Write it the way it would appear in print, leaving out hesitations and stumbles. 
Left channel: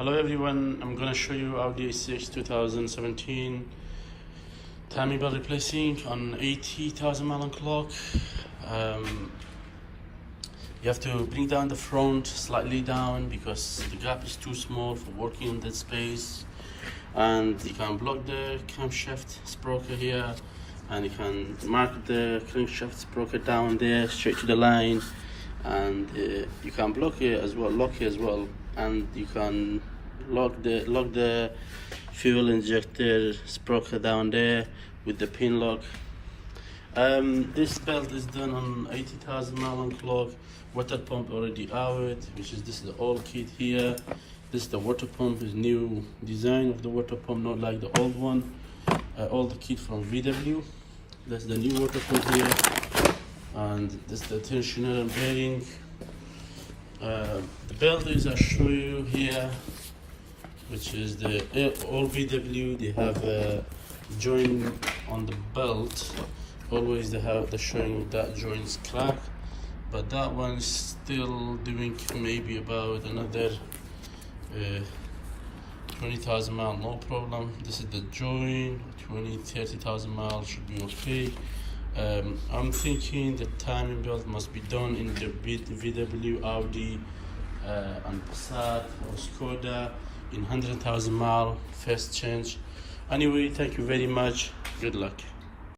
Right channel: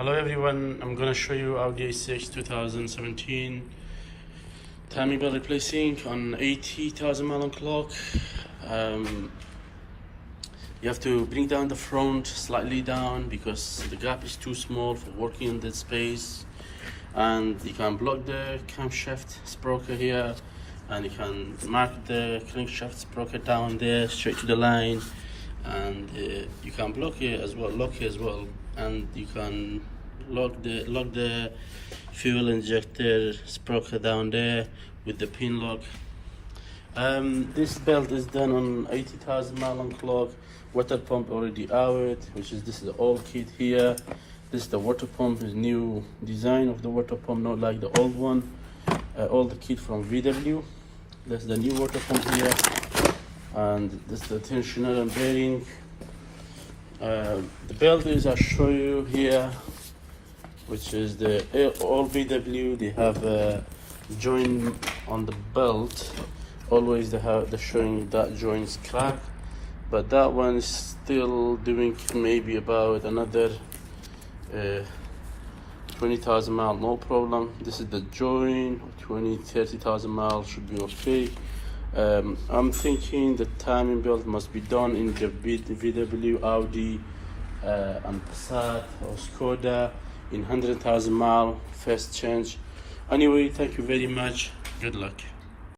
Hello everyone, I'm gonna show you Audi A6 2017 timing belt replacing on 80,000 mile on clock. You have to bring down the front slightly down because the gap is too small for working in that space, and you can block the camshaft sprocket here, and you can mark the crankshaft sprocket down there straight to the line, and you can block it as well, lock it as well, and you can lock the fuel injector sprocket down there with the pin lock. This belt is done on 80,000 mile on clock. Water pump already out, this is the old kit here. This is the water pump, is new design of the water pump, not like the old one. Old kit from VW. That's the new water pump here, and this is the tensioner and bearing. The belt is I show you here, which is the all VW. They have a joint on the belt. Always they're showing that joint's cracked, but that one's still doing maybe about another 20,000 miles, no problem. This is the joint, 20-30,000 miles should be okay. I'm thinking the timing belt must be done in the VW, Audi, and Passat or Skoda in 100,000 mile first change. Anyway, thank you very much. Good luck.